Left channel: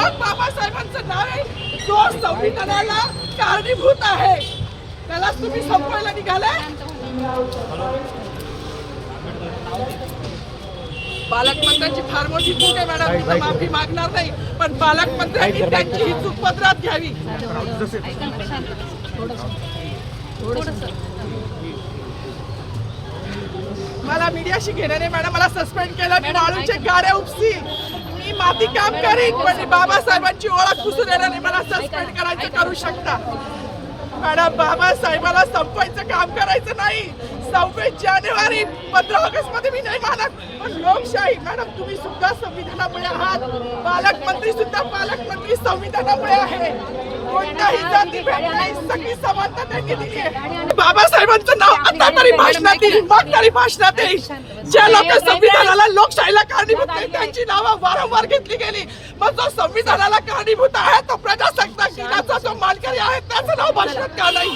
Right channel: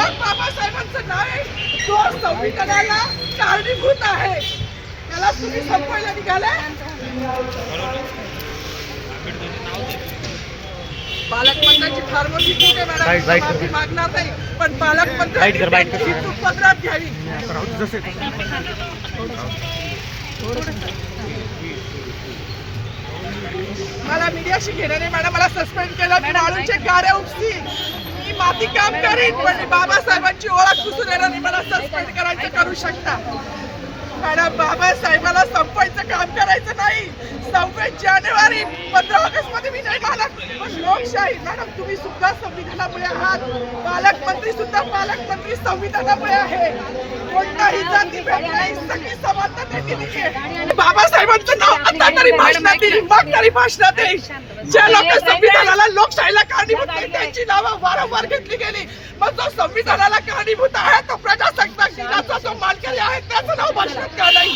मग बाबासाहेबांचं नाव आहे जो संविधानाला कारणीभूत आहे त्याला तुम्ही संपवायला निघालाय. पालकमंत्र्यांची फार मोठी चूक आहे मॅडम, माफी मागणार नाही, पण पालकमंत्र्यांची चूक पदरात घ्यावी. मला मीडियाशी घेणं नाही मॅडम, मला सस्पेंड केलं, मी माळूचे गाड्या उपसी, मी माती काम करीन, पण बाबासाहेबांची ओळख पुसून येणार नाही. मला सस्पेंड करायचं करू शकता मॅडम, बाबासाहेबाला संपवायचं काम करायचं नाही. 26 जानेवारी 15 ऑगस्ट मध्ये मी नाही मानत, पण लोकशाही मॅडम तुम्ही सुद्धा संविधानामुळे आहात, पालकमंत्री सुद्धा पालकमंत्री संविधानामुळे आहे. कोणताही जातीभेद नाही, सगळी समानता त्यांनी दिली आहे. बाबासाहेबांचं नाव आता तरी भाषणात येईल, मग तरी भाषणात येईल. ज्या लोक संविधानाला लोकशाहीला कारणीभूत नाही त्यांची नावं वारंवार घेतली गेली, मग जो संविधानाला कारणीभूत आहे तो प्रजासत्ताक दिनाचा जो मानकरी आहे त्याचं नाव भाषणात का नाही.